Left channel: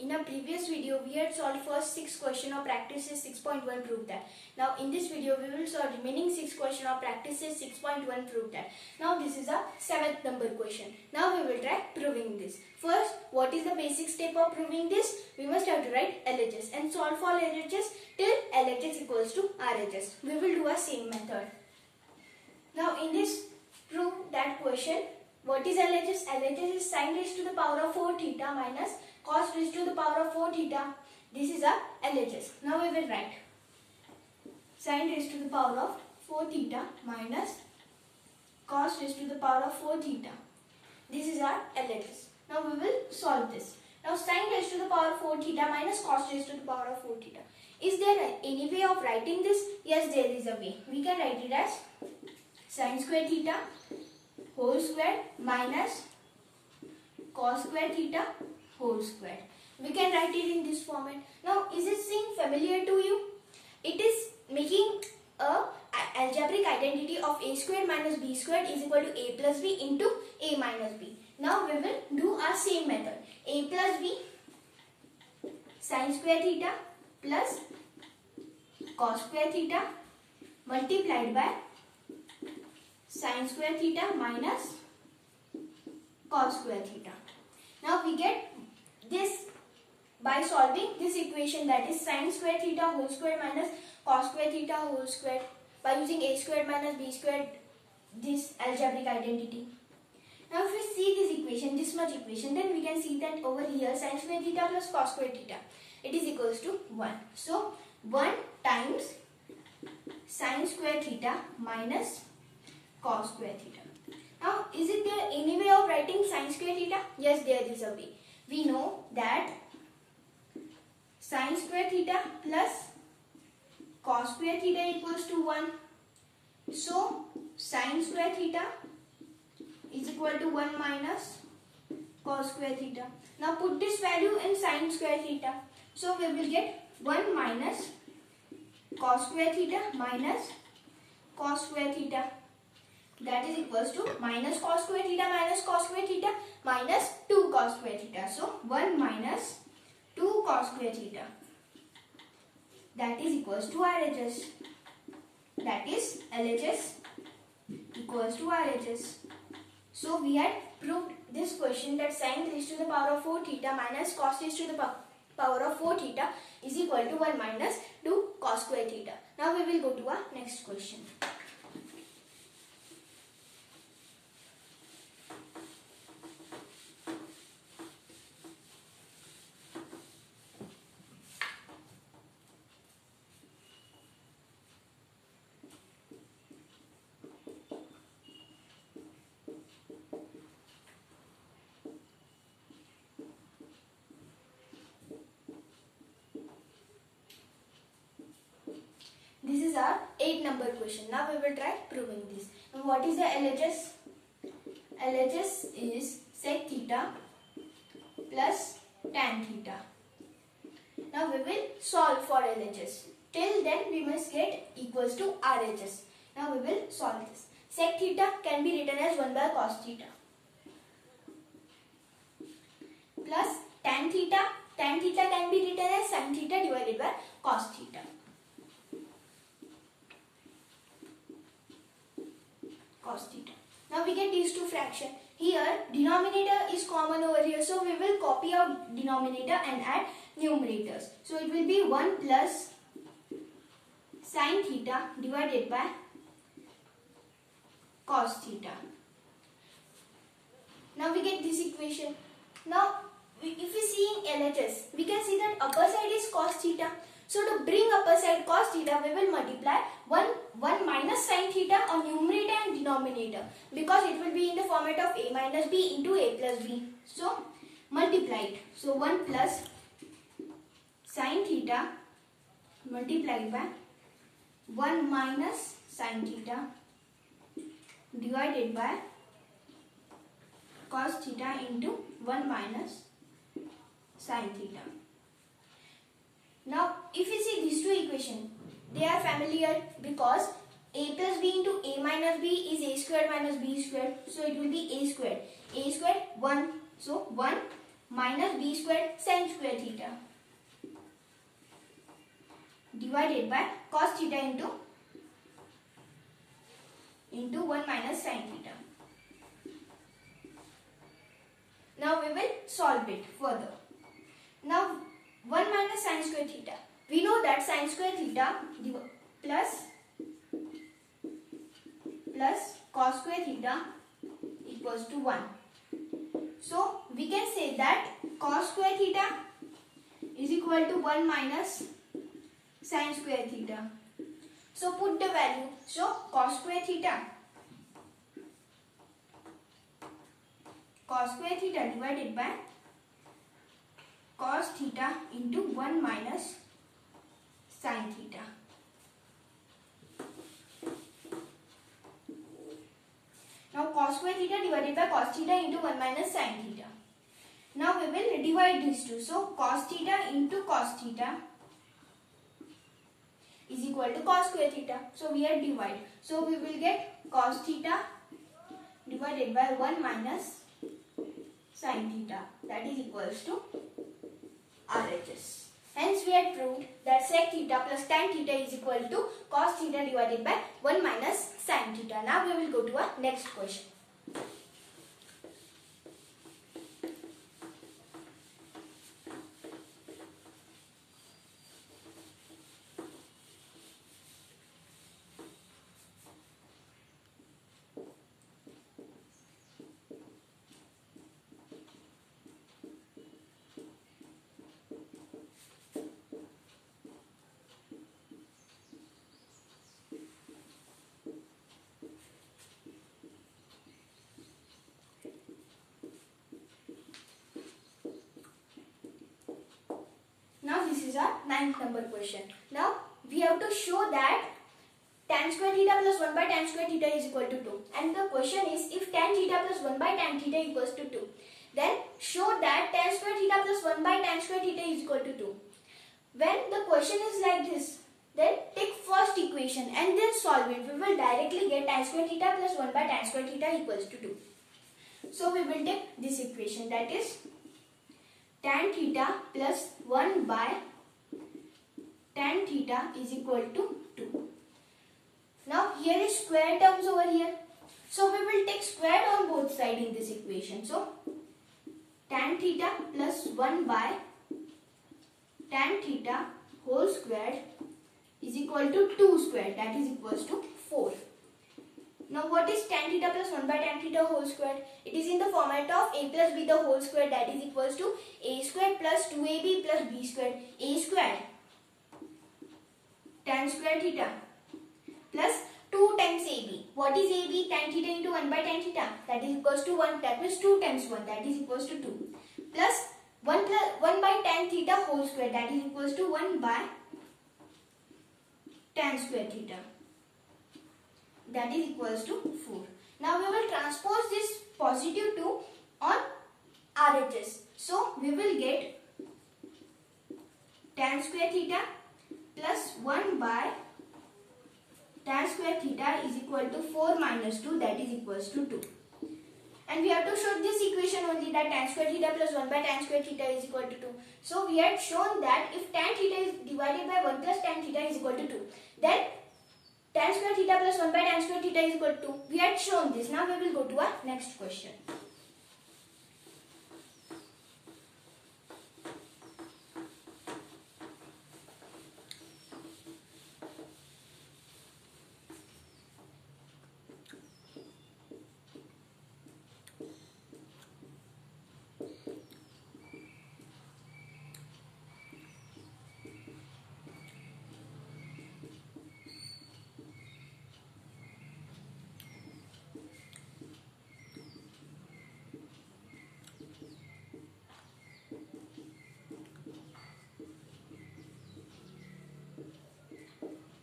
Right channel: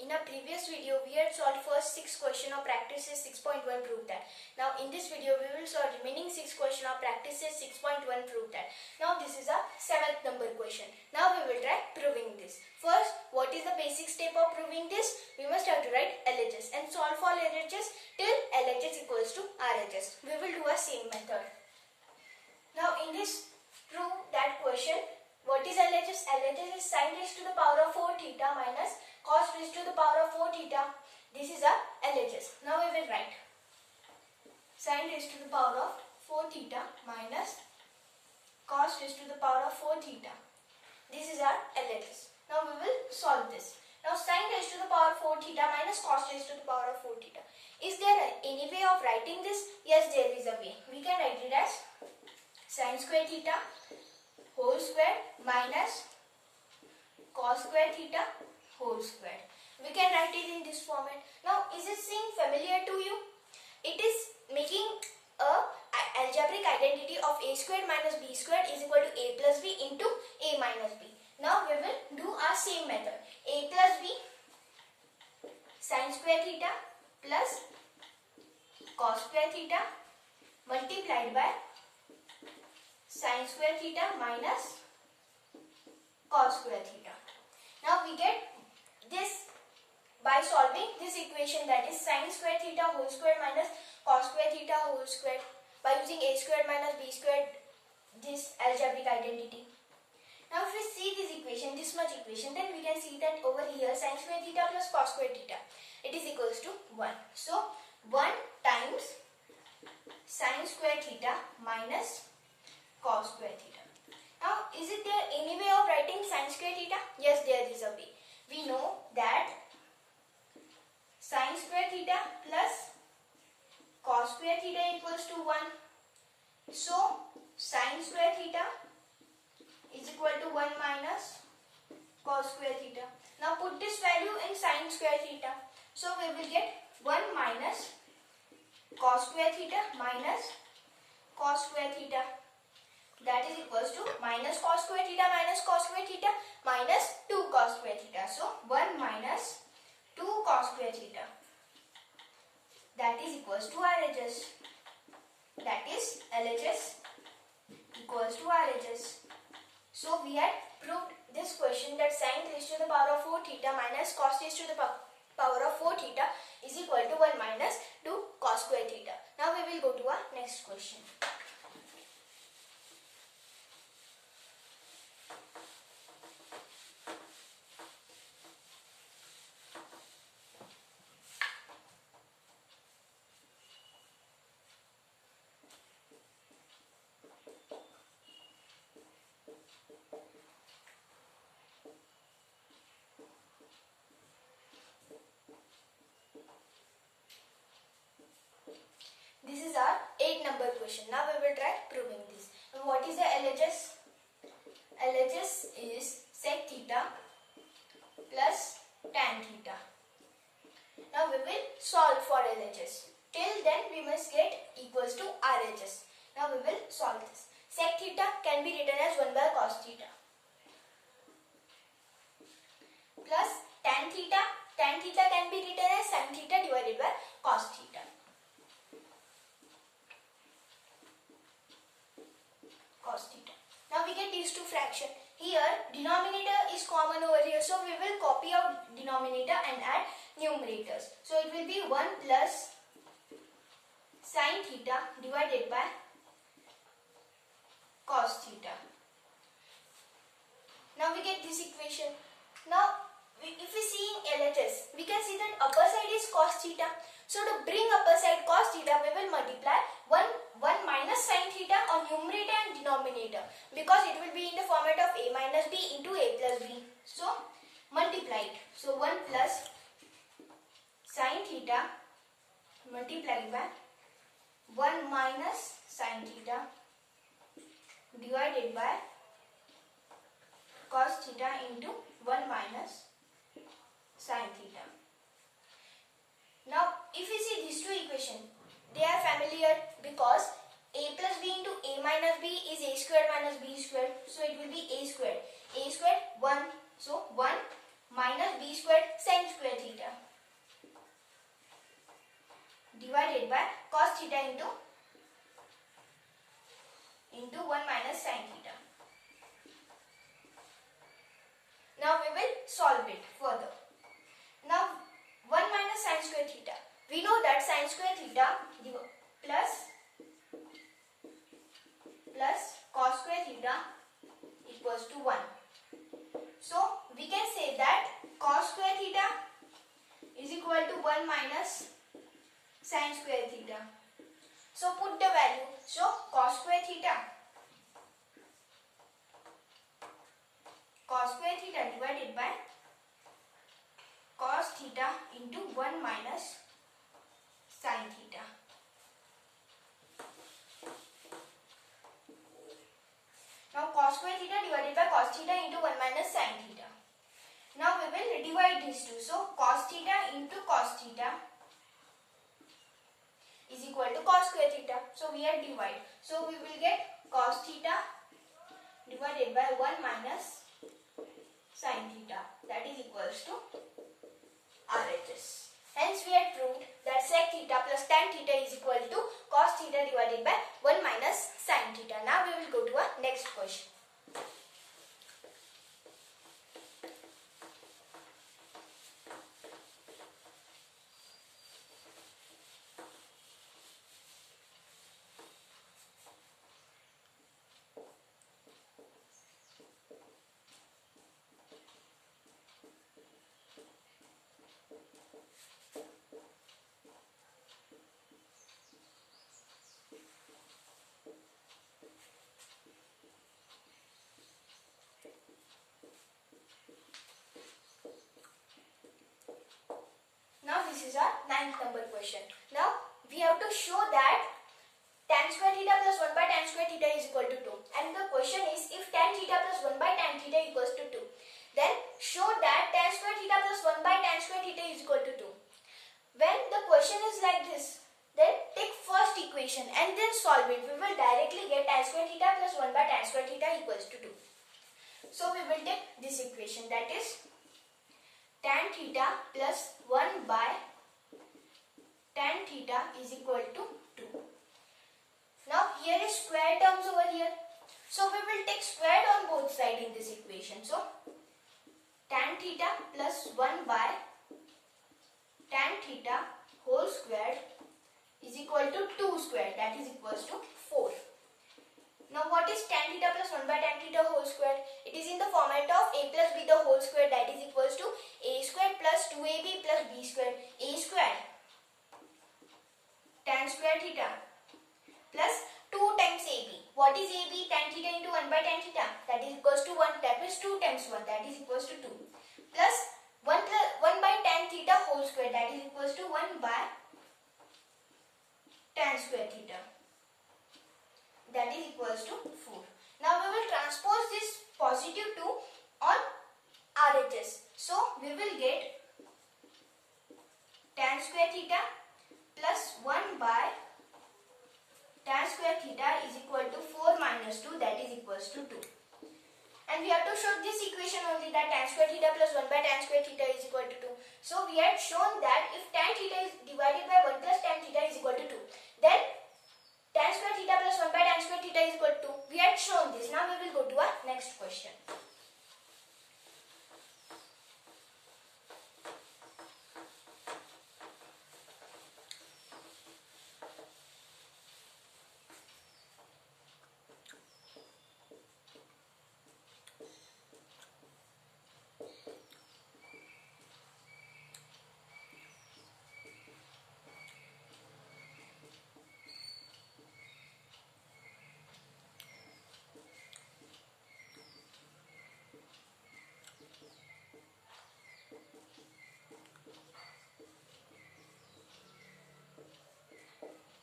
In our previous video, we had solved first 6 questions of practices 6.1 prove that. Now in this video, we will solve remaining 6 questions of practices 6.1 prove that. Now this is a 7th number question. Now we will try proving this. First, what is the basic step of proving this? We must have to write LHS and solve for LHS till LHS equals to RHS. We will do a same method. Now in this prove that question, what is LHS? LHS is sin raised to the power of 4 theta minus cos raised to the power of 4 theta. This is a LHS. Now we will write sin raised to the power of 4 theta minus cos raised to the power of 4 theta. This is our LHS. Now we will solve this. Now sin raised to the power of 4 theta minus cos raised to the power of 4 theta. Is there any way of writing this? Yes, there is a way. We can write it as sin square theta whole square minus cos square theta whole square. We can write it in this format. Now, is it seem familiar to you? It is making a algebraic identity of a squared minus b squared is equal to a plus b into a minus b. Now, we will do our same method. A plus b sin square theta plus cos square theta multiplied by sin square theta minus cos square theta. Now we get this by solving this equation, that is sin square theta whole square minus cos square theta whole square, by using a squared minus b squared, this algebraic identity. Now if we see this equation, this much equation, then we can see that over here sin square theta plus cos square theta, it is equals to 1. So 1 times sin square theta minus cos square theta. Now, is it there any way of writing sin square theta? Yes, there is a way. We know that sin square theta plus cos square theta equals to 1. So, sin square theta is equal to 1 minus cos square theta. Now, put this value in sin square theta. So, we will get 1 minus cos square theta minus cos square theta. That is equals to minus cos square theta minus 2 cos square theta. So 1 minus 2 cos square theta. That is equals to RHS. That is LHS equals to RHS. So we had proved this question that sin raised to the power of 4 theta minus cos raised to the power of 4 theta is equal to 1 minus 2 cos square theta. Now we will go to our next question. This is our 8 number question. Now we will try proving this. And what is the LHS? LHS is sec theta plus tan theta. Now we will solve for LHS. Till then we must get equals to RHS. Now we will solve this. Sec theta can be written as 1 by cos theta plus tan theta. Tan theta can be written as sin theta divided by cos theta. Cos theta. Now we get these two fractions. Here denominator is common over here, so we will copy out denominator and add numerators. So it will be 1 plus sin theta divided by cos theta. Now we get this equation. Now if we see in LHS, we can see that upper side is cos theta. So to bring upper side cos theta, we will multiply 1 minus sin theta on numerator and denominator, because it will be in the format of a minus b into a plus b. So multiply it. So 1 plus sin theta multiplied by 1 minus sin theta divided by cos theta into 1 minus sin theta. Now, if we see these two equations, they are familiar because a plus b into a minus b is a squared minus b squared. So, it will be a squared. A squared 1. So, 1 minus b squared sin square theta divided by cos theta into 1 minus sin theta. Now we will solve it further. Now 1 minus sin square theta. We know that sin square theta plus cos square theta equals to 1. So we can say that cos square theta is equal to 1 minus sin square theta. So put the value. So cos square theta divided by cos theta into 1 minus sin theta. Now cos square theta divided by cos theta into 1 minus sin theta. Now we will divide these two. So cos theta into cos theta is equal to cos square theta. So we are divide. So we will get cos theta divided by 1 minus sin theta, that is equals to RHS. Hence we had proved that sec theta plus tan theta is equal to cos theta divided by 1 minus sin theta. Now we will go to our next question. Now this is our 9th number question. Now we have to show that tan square theta plus 1 by tan square theta is equal to 2. And the question is, if tan theta plus 1 by tan theta equals to 2, then show that tan square theta plus 1 by tan square theta is equal to 2. When the question is like this, then take first equation and then solve it. We will directly get tan square theta plus 1 by tan square theta equals to 2. So we will take this equation, that is tan theta plus 1 by tan theta is equal to 2. Now here is square terms over here. So we will take squared on both sides in this equation. So tan theta plus 1 by tan theta whole squared is equal to 2 squared, that is equals to 4. Now what is tan theta plus 1 by tan theta whole squared? It is in the format of a plus b the whole squared, that is equals to a squared plus 2ab plus b squared. A squared tan square theta plus 2 times ab. What is ab? Tan theta into 1 by tan theta, that is equals to 1. That means 2 times 1, that is equals to 2. Plus 1 by tan theta whole square, that is equals to 1 by tan square theta, that is equals to 4. Now we will transpose this positive 2 on RHS. So we will get tan square theta plus 1 by tan square theta is equal to 4 minus 2, that is equals to 2. And we have to show this equation only, that tan square theta plus 1 by tan square theta is equal to 2. So we had shown that if tan theta is divided by 1 plus tan theta is equal to 2, then tan square theta plus 1 by tan square theta is equal to 2. We had shown this. Now we will go to our next question.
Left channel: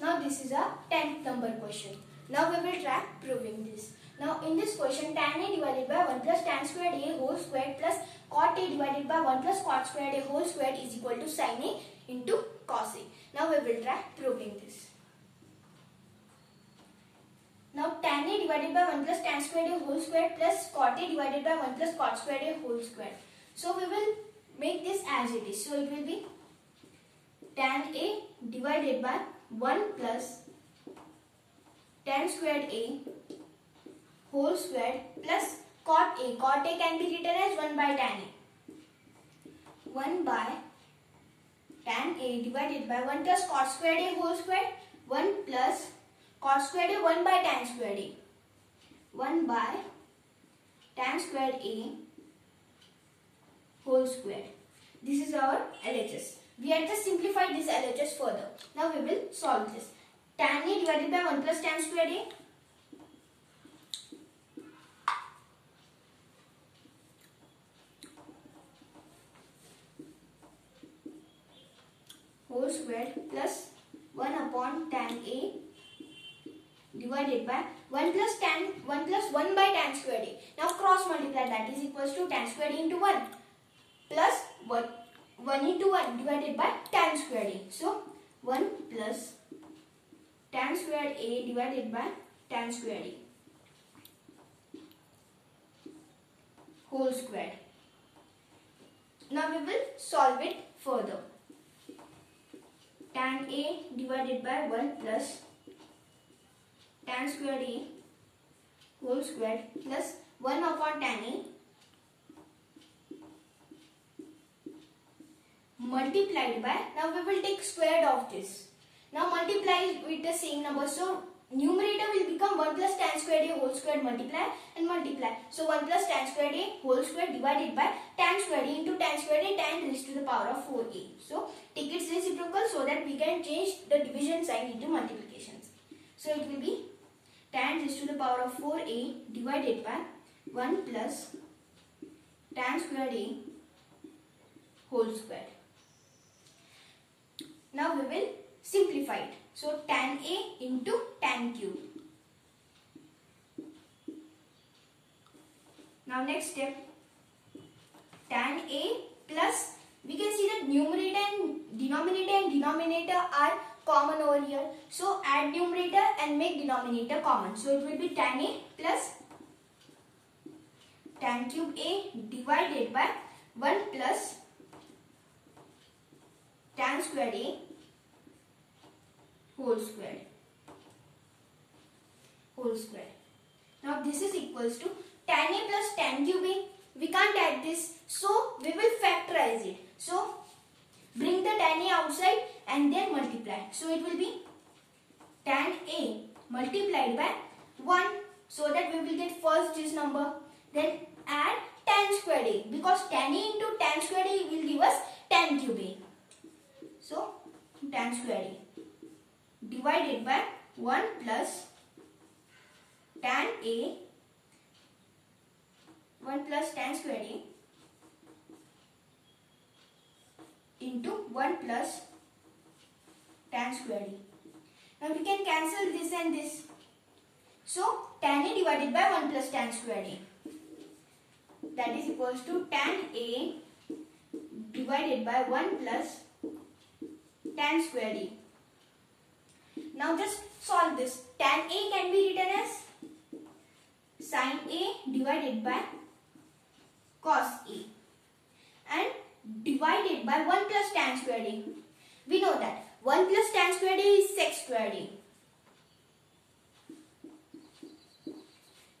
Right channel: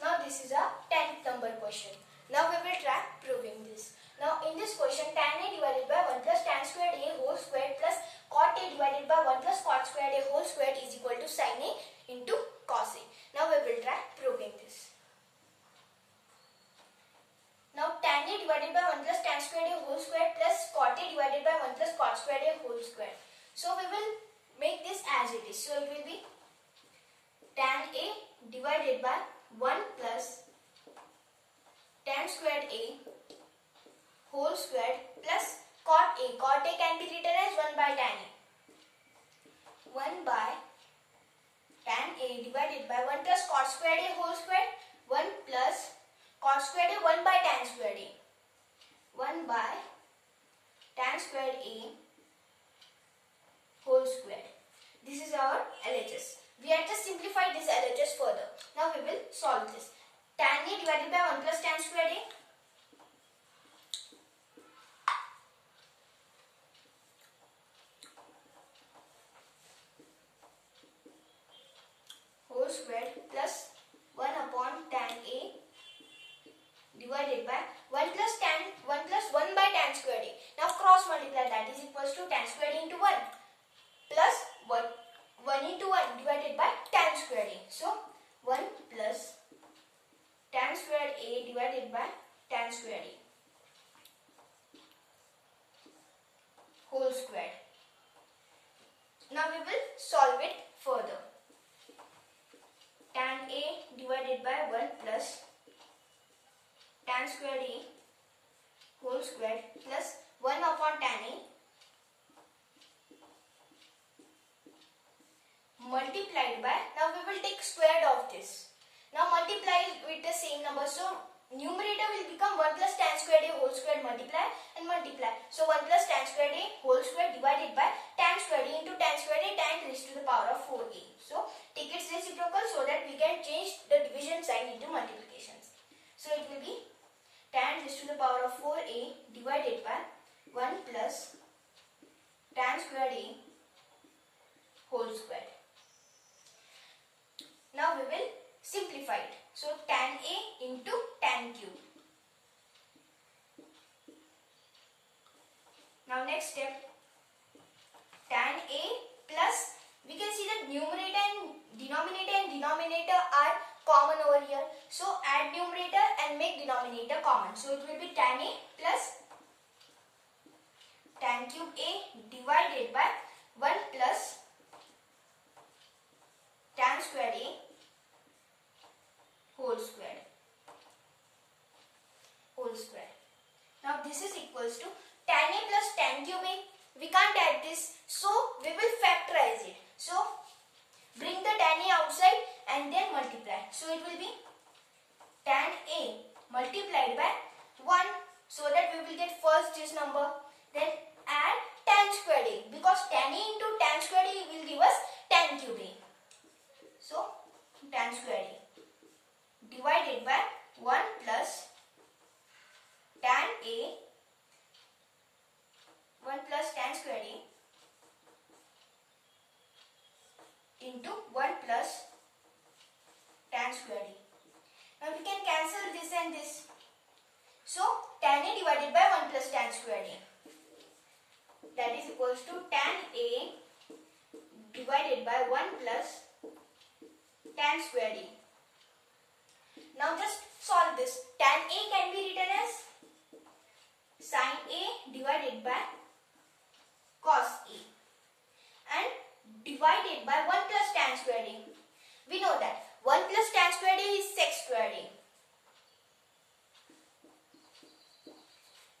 Now this is a 10th number question. Now we will try proving this. Now in this question, tan a divided by 1 plus tan squared a whole squared plus cot a divided by 1 plus cot squared a whole squared is equal to sin a into cos a. Now we will try proving this. Now tan a divided by 1 plus tan squared a whole squared plus cot a divided by 1 plus cot squared a whole squared. So we will make this as it is. So it will be tan A divided by 1 plus tan squared A whole squared plus cot A. Cot A can be written as 1 by tan A. 1 by tan A divided by 1 plus cot squared A whole squared. 1 plus cot squared A 1 by tan squared A. 1 by tan squared A whole squared. This is our LHS. We have just simplified this LHS further. Now we will solve this. Tan A divided by 1 plus tan squared A. Whole squared plus 1 upon tan A divided by 1 plus 1 by tan squared A. Now cross multiply, that is equals to tan squared A into 1 plus 1 into 1 divided by tan squared A. So 1 plus tan squared A divided by tan squared A whole squared. Now we will solve it further. Tan A divided by 1 plus tan squared A whole squared plus 1 upon tan A multiplied by, now we will take square of this. Now multiply with the same number. So numerator will become 1 plus tan squared A whole squared, multiply and multiply. So 1 plus tan squared A whole squared divided by tan squared A into tan squared A, tan raised to the power of 4A. So take its reciprocal so that we can change the division sign into multiplications. So it will be tan raised to the power of 4A divided by 1 plus tan squared A whole squared. Now we will simplify it. So tan A into tan cube. Now next step, tan A plus, we can see that numerator and denominator are common over here. So add numerator and make denominator common. So it will be tan A plus tan cube A divided by 1 plus tan squared A whole squared. Now this is equals to tan A plus tan cube A. We can't add this, so we will factorize it. So bring the tan A outside and then multiply. So it will be tan A multiplied by 1, so that we will get first this number. Then add tan squared A, because tan A into tan squared A will give us tan cube A. So tan squared A divided by 1 plus tan A, 1 plus tan squared A into 1 plus tan squared A. Now we can cancel this and this. So tan A divided by 1 plus tan squared A, that is equals to tan A divided by 1 plus tan squared A. Now just solve this. Tan A can be written as sin A divided by cos A and divided by 1 plus tan squared A. We know that 1 plus tan squared A is sec squared A.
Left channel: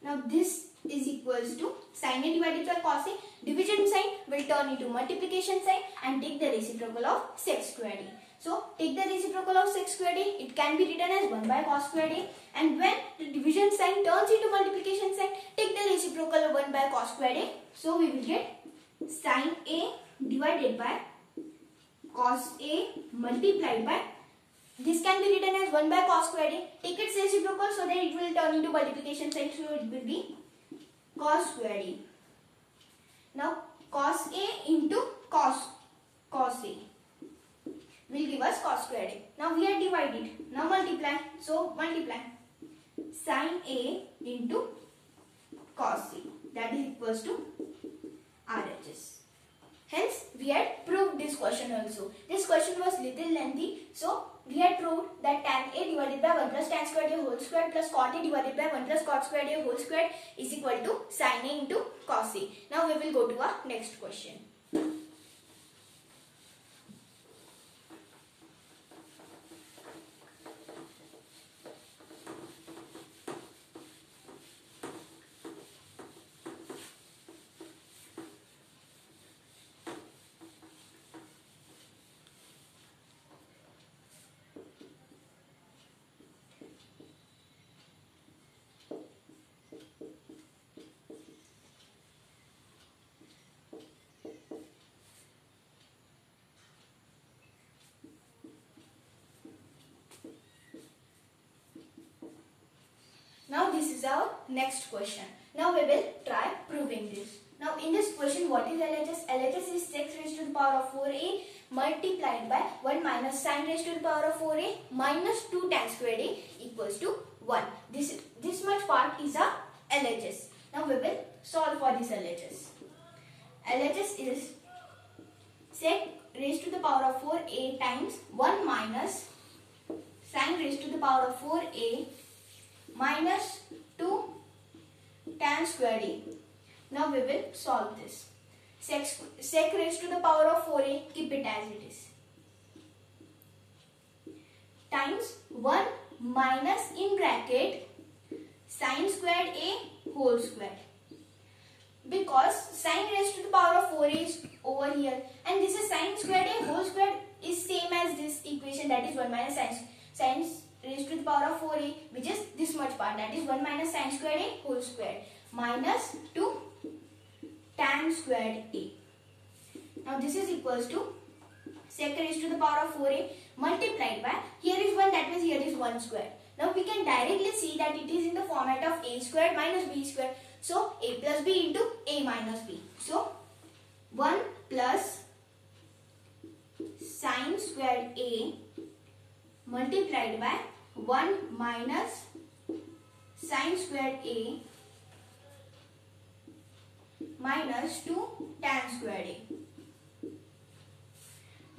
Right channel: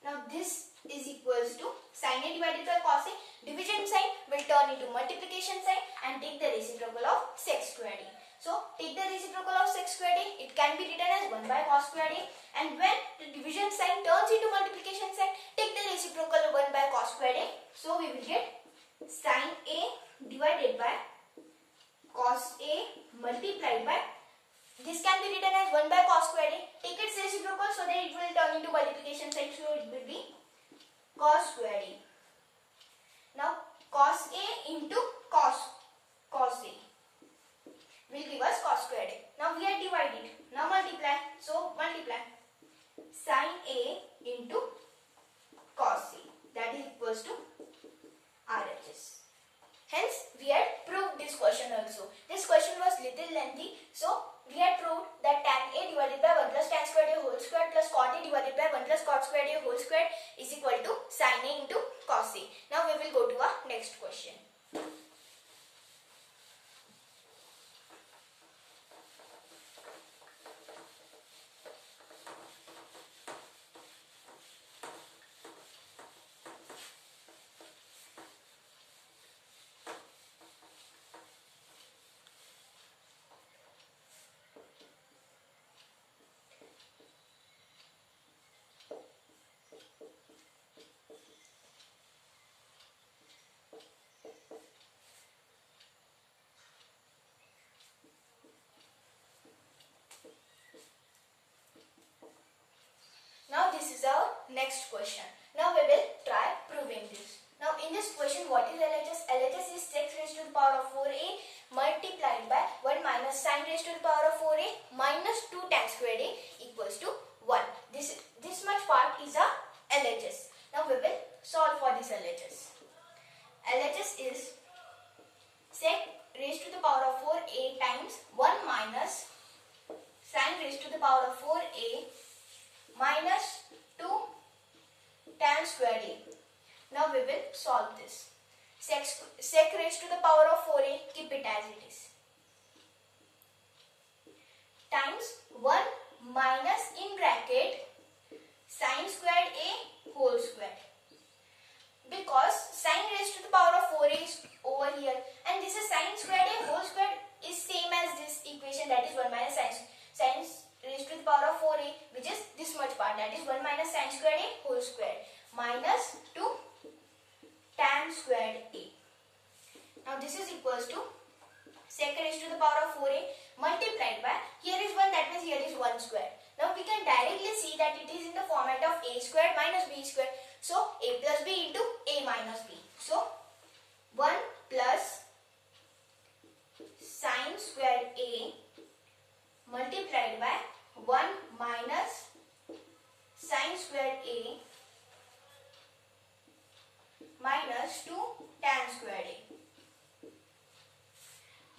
Now this is equals to sin A divided by cos A. Division sign will turn into multiplication sign and take the reciprocal of sec squared A. So take the reciprocal of sec squared A. It can be written as 1 by cos squared A. And when the division sign turns into multiplication sign, take the reciprocal of 1 by cos squared A. So we will get sin A divided by cos A multiplied by, this can be written as 1 by cos squared A. Take its reciprocal so that it will turn into multiplication sign. So it will be cos squared A. Now cos A into cos A will give us cos squared A. Now we are divided. Now multiply. So multiply sin A into cos A, that is equals to RHS. Hence we had proved this question also. This question was little lengthy, so we had proved that tan A divided by 1 plus tan squared A whole squared plus cot A divided by 1 plus cot squared A whole squared is equal to sin A into cos A. Now we will go to our next question. this is our next question. Now we will try proving this. Now in this question, what is LHS? LHS is 6 raised to the power of 4a multiplied by 1 minus sin raised to the power of 4a minus 2 tan squared a equals to 1. This much part is our LHS. Now we will solve for this LHS. LHS is sec raised to the power of 4a times 1 minus sin raised to the power of 4a minus 2 tan squared a. Now we will solve this. Sec raised to the power of 4a, keep it as it is. Times 1 minus in bracket sin squared a whole squared. Because sin raised to the power of 4a is over here and this is sin squared a whole squared is same as this equation, that is 1 minus sin raised to the power of 4a, which is this much part, that is 1 minus sin squared a whole squared minus 2 tan squared a. Now this is equals to sec raised to the power of 4a multiplied by, here is 1, that means here is 1 square. Now we can directly see that it is in the format of a squared minus b squared. So a plus b into a minus b. So 1 plus sin squared a multiplied by 1 minus sin squared a minus 2 tan squared a.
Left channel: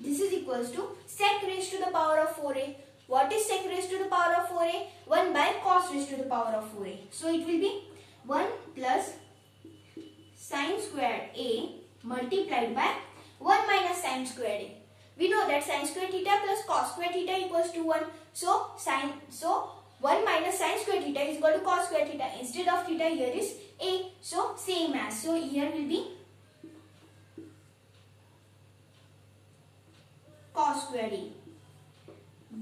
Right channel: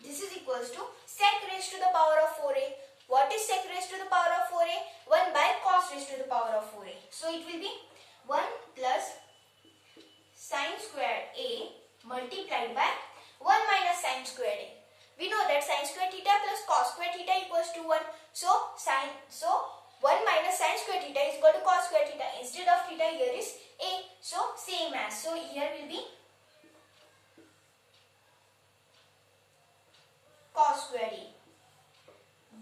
This is equals to sec raised to the power of 4a. What is sec raised to the power of 4a? 1 by cos raised to the power of 4a. So it will be 1 plus sin squared a multiplied by 1 minus sin squared a. We know that sin squared theta plus cos squared theta equals to 1. So 1 minus sin squared theta is equal to cos squared theta. Instead of theta, here is a. So same as. So here will be cos squared a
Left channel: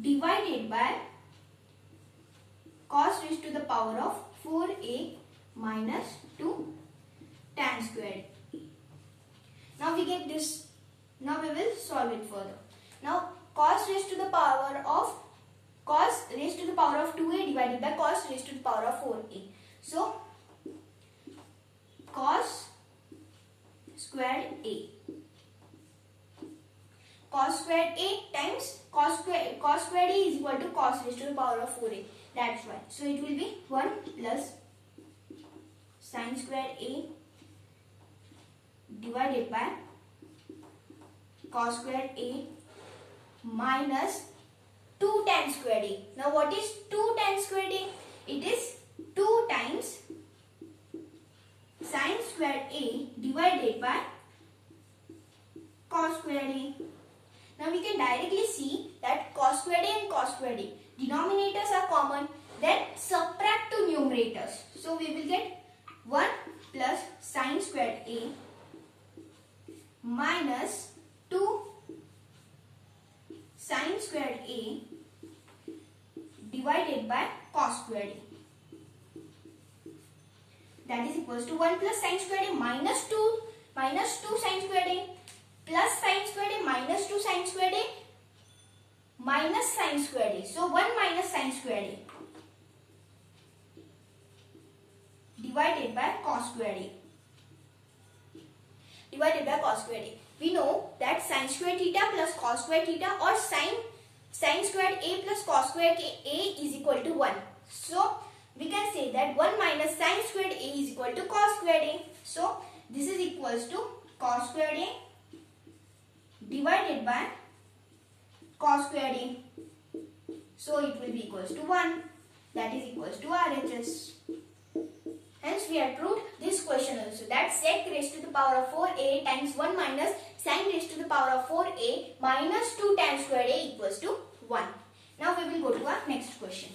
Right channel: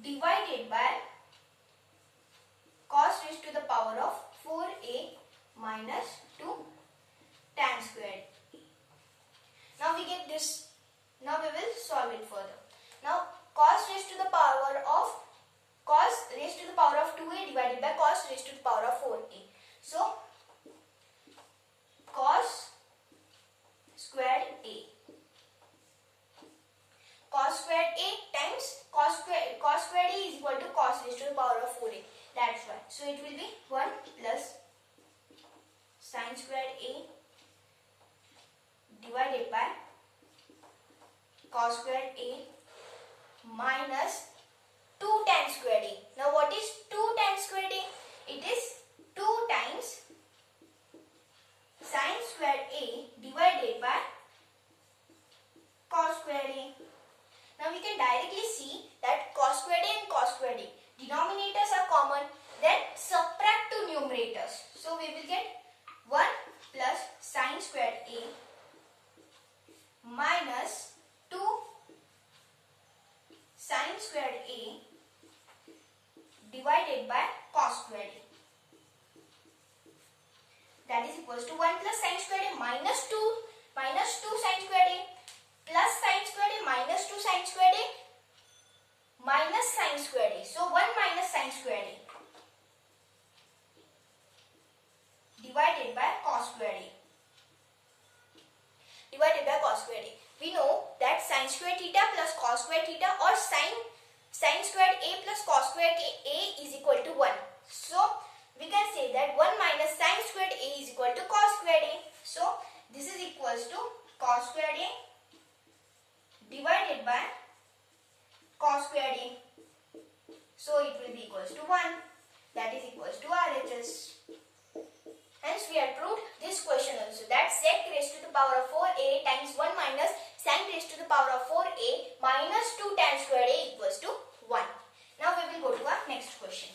divided by cos raised to the power of 4a minus 2 tan squared a. Now we get this. Now we will solve it further. Now cos raised to the power of 2a divided by cos raised to the power of 4a. So cos squared a. Cos squared a times cos squared a is equal to cos raised to the power of 4a. That's why. So it will be 1 plus sin squared a divided by cos squared a minus 2 tan squared a. Now what is 2 tan squared a? It is 2 times sin squared a divided by cos squared a. Now we can directly see that cos squared a and cos squared a denominators are common. Then subtract to numerators. So we will get 1 plus sin squared a minus 2 sin squared a divided by cos squared a. That is equals to 1 plus sin squared a minus 2 sin squared a plus sin squared a minus 2 sin squared a minus sin squared a. So 1 minus sin squared a divided by cos squared a. Divided by cos squared a. We know that sin squared theta plus cos squared theta or sin squared a plus cos squared a is equal to 1. So we can say that 1 minus sin squared a is equal to cos squared a. So this is equals to cos squared a divided by cos squared a. So it will be equals to 1. That is equals to RHS. Hence we have proved this question also, that sec raised to the power of 4a times 1 minus sin raised to the power of 4a minus 2 tan squared a equals to 1. Now we will go to our next question.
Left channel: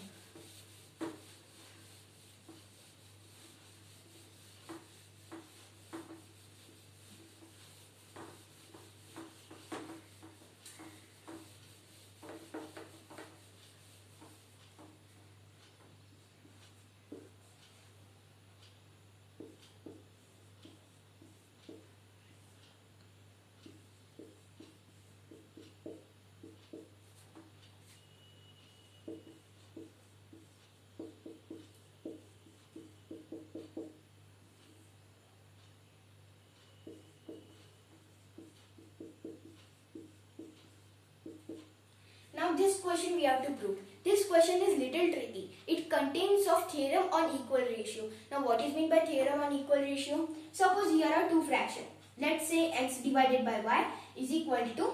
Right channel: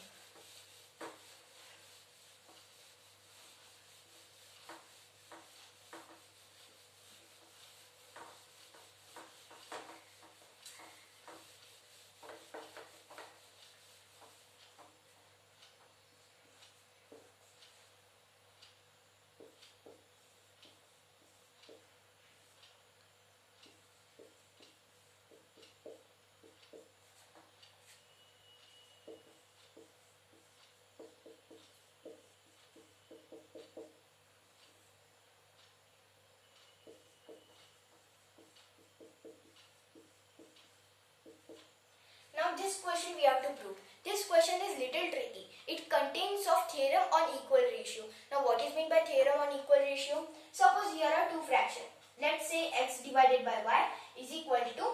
Now this question we have to prove. This question is little tricky. It contains of theorem on equal ratio. Now what is meant by theorem on equal ratio? Suppose here are two fractions. Let's say x divided by y is equal to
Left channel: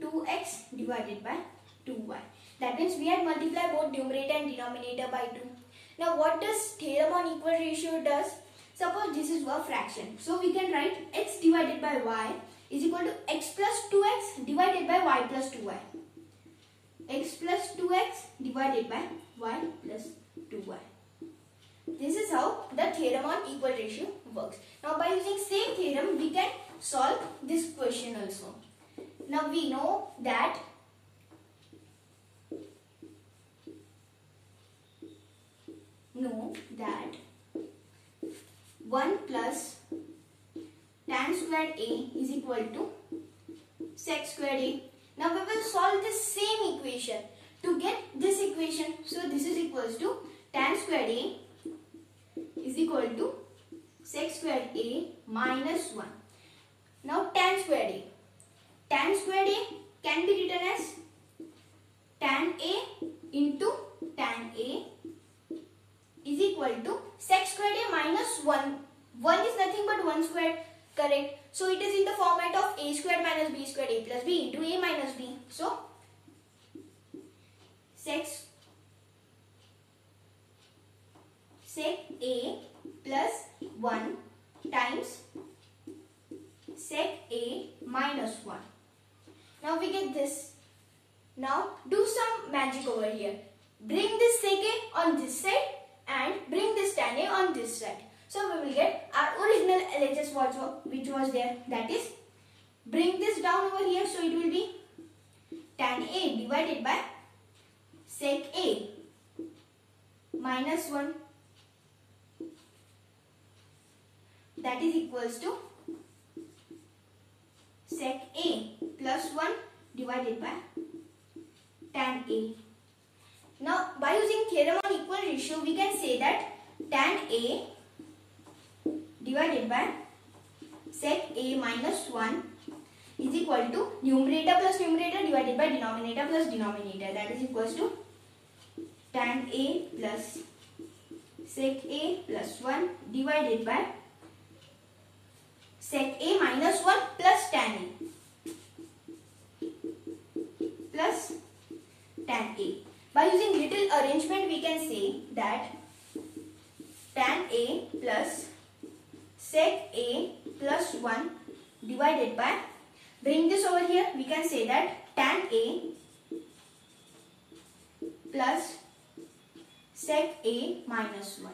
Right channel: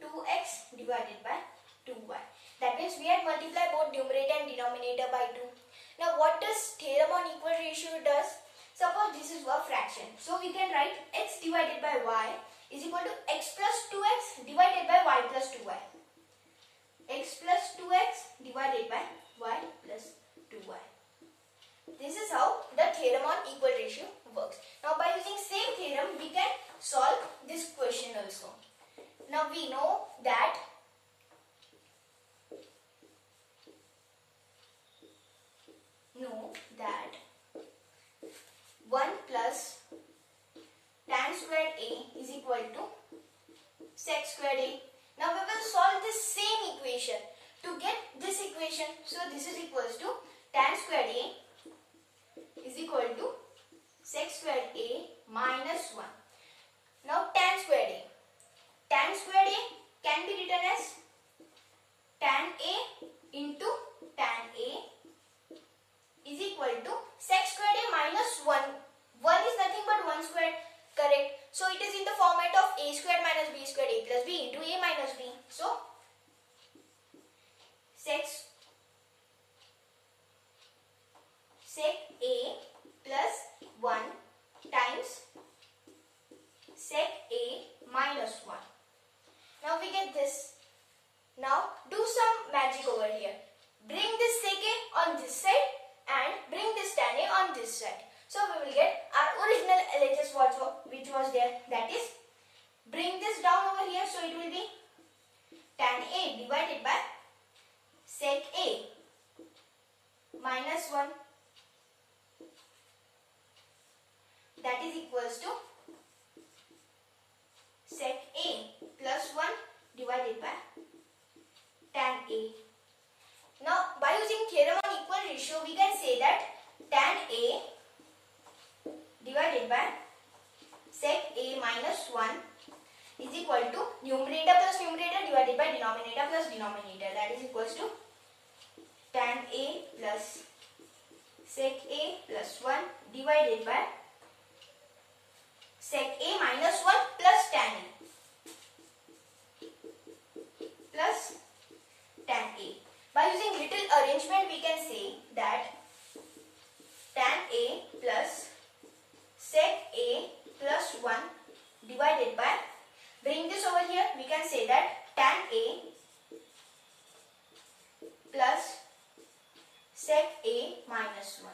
2x divided by 2y. That means we had multiplied both numerator and denominator by 2. Now what does theorem on equal ratio does? Suppose this is a fraction. So we can write x divided by y is equal to x plus 2x divided by y plus 2y. X plus 2x divided by y plus 2y. This is how the theorem on equal ratio works. Now by using same theorem we can solve this question also. Now we know that that 1 plus tan squared a is equal to sec squared a. Now we will solve this same equation to get this equation. So this is equals to tan squared a is equal to sec squared a minus 1. Now tan squared a. Tan squared a can be written as tan a into tan a is equal to sec squared a minus 1. 1 is nothing but 1 squared, correct? So it is in the format of a squared minus b squared a plus b into a minus b. So sec a plus 1 times sec a minus 1. Now we get this. Now do some magic over here. Bring this sec a on this side and bring this tan a on this side. So we will get our original LHS which was there. That is, bring this down over here. So it will be tan a divided by sec a minus 1. That is equals to sec a plus 1 divided by tan a. Now by using theorem on equal ratio we can say that tan a divided by sec a minus 1 is equal to numerator plus numerator divided by denominator plus denominator. That is equals to tan a plus sec a plus 1 divided by sec a minus 1 plus tan a plus tan a. By using little arrangement we can say that tan a plus sec a plus 1 divided by, bring this over here, we can say that tan a plus sec a minus 1.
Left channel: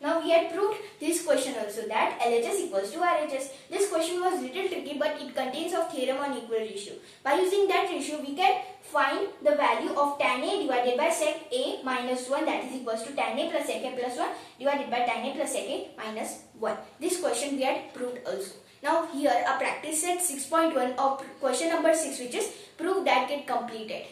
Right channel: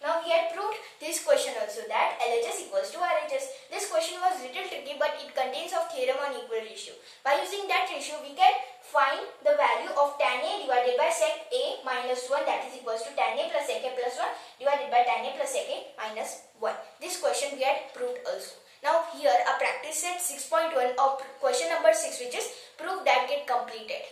Now we had proved this question also that LHS equals to RHS. This question was little tricky but it contains of theorem on equal ratio. By using that ratio we can find the value of tan a divided by sec a minus 1, that is equals to tan a plus sec a plus 1 divided by tan a plus sec a minus 1. This question we had proved also. Now here a practice set 6.1 of question number 6 which is proof that get completed.